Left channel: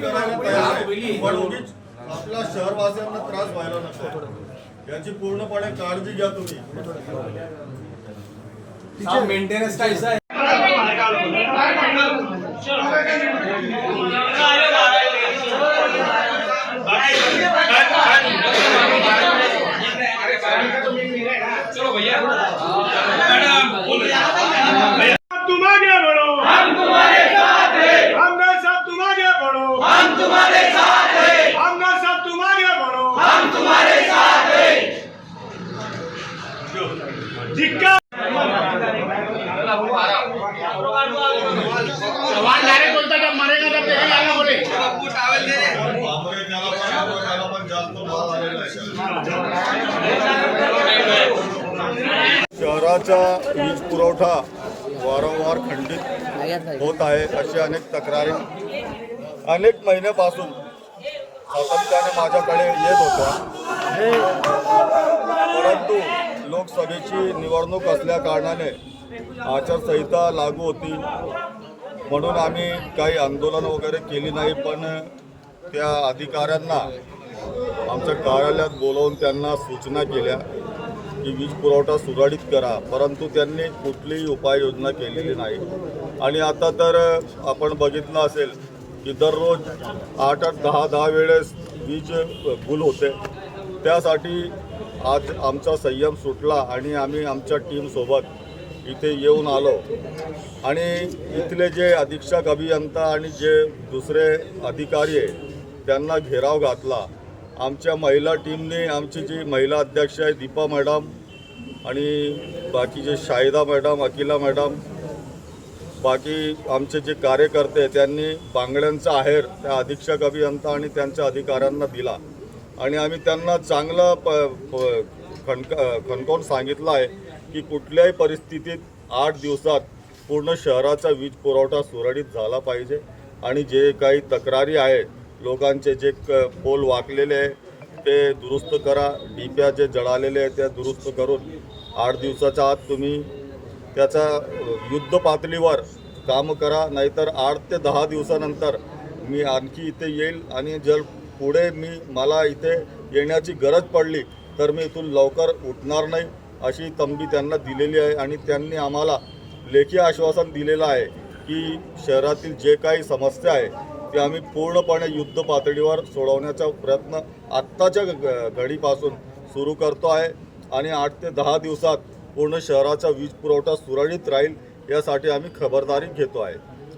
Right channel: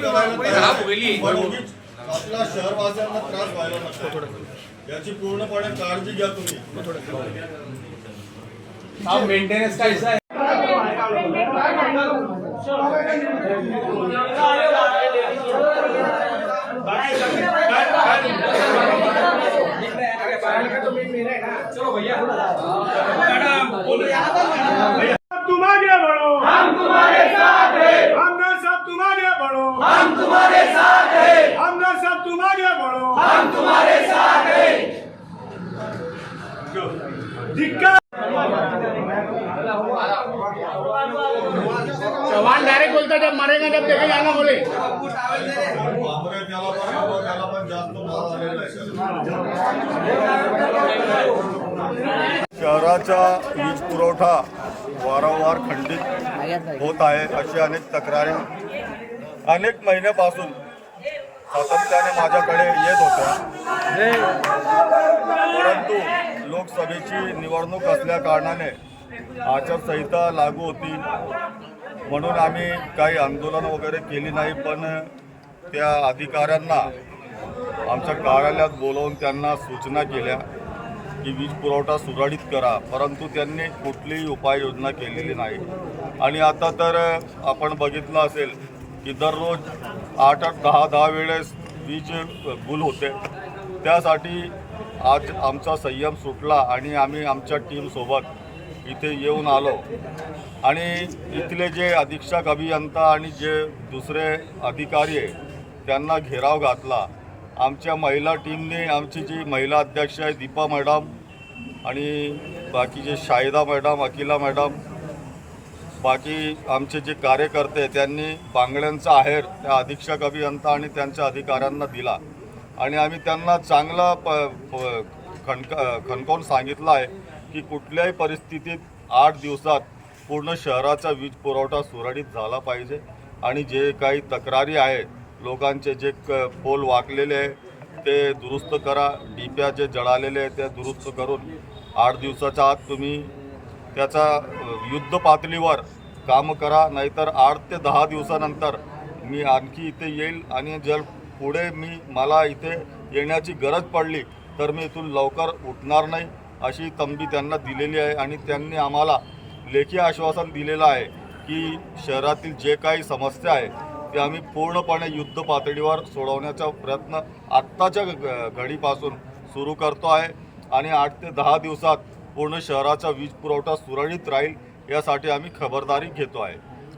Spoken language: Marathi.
बघा, आमची- आम्ही आपल्या शहरवासियांना त्रास व्हायला नको. याची पूर्णपणे काळजी घ्या तुम्ही. मेंटेनेंस आहे. त्याला पण- त्याला पण जास्त भाव आलेला आहे. शहराचा वीज पुरवठा वारंवार खंडित होत आहे अशी अनेक तक्रारी. अनेक महिन्यापासून सातत्याने माझ्याकडे येत होत्या. परंतु लोकसभेची निवडणूक असल्या कारणाने आचारसंहिता लागू होती. म्हणून आम्ही काही आंदोलन वगैरे केली नाही पण त्या अधिकाऱ्यांना आमच्या कार्यालयात बोलवून त्यांना सूचना केल्या की वीज पुरवठा सुरळीत करा परंतु त्यांनी कुठलीही उपाययोजना केलेली नाही. आणि आता तर आपण बघितलं असेल की दररोज आठ आठ दहा दहा वेळेस वीज गुल होते. त्यासाठी आज आमचा संयम सुटला आणि आम्ही आमच्या टीमसोबत इथे येऊन आलो. आणि इथले जे अधीक्षक अभियंता आणि जे दुसरे अधिकारी आहे त्यांना घेराव घातला. आमच्या महिला टीमने आमची जी महिला अध्यक्ष आहे दीपा मॅडम आणि बाकीचे शाहिदा मॅडम अकिला मॅडम बाकी आमचे जे कार्यकर्ते त्यांनी बांगड्यांचा आहेर त्या अधीक्षक अभियंता आणि त्यांच्या अधिकाऱ्यांना दिला. आणि आम्ही त्यांना चांगला प खणक खणकावून सांगितलं आहे की कुठल्याही परिस्थितीत आठ दिवसात पूर्ण शहराचा वीज पुरवठा सुरळीत झाला पाहिजे. आणि जे काही तक्रारी आहे लोकांचे जे क पोल वाकलेले आहे ते दुरुस्त करा. डिप्या जे जळालेले आहे ते दुरुस्त करून आठ दिवसाच्या आत तुम्ही त्याचा युद्ध पातळीवर काम करा. नाहीतर आठ ते दहा दिवसानंतर मी आणखी इथे येईल आणि जर पुढे मी मला इथे येण्याची गरज पडली तर मी इथून लवकर उठणार नाही अशी तंबी त्यांना दिलेली आहे आणि त्यांनी आम्हाला लेखी आश्वासन दिलेलं आहे की शहरातील जे काही समस्या आहे ते आम्ही पूर्णपणे युद्ध पातळीवर सोडवण्याचा प्रयत्न आत्ताच्या घडीपासून सुरू करतो आहे आणि आठ ते दहा दिवसात पूर्ण शहराचा वीज पुरवठा सुरळीत राहील यासाठी आम्ही खबरदारी घेतो आहे.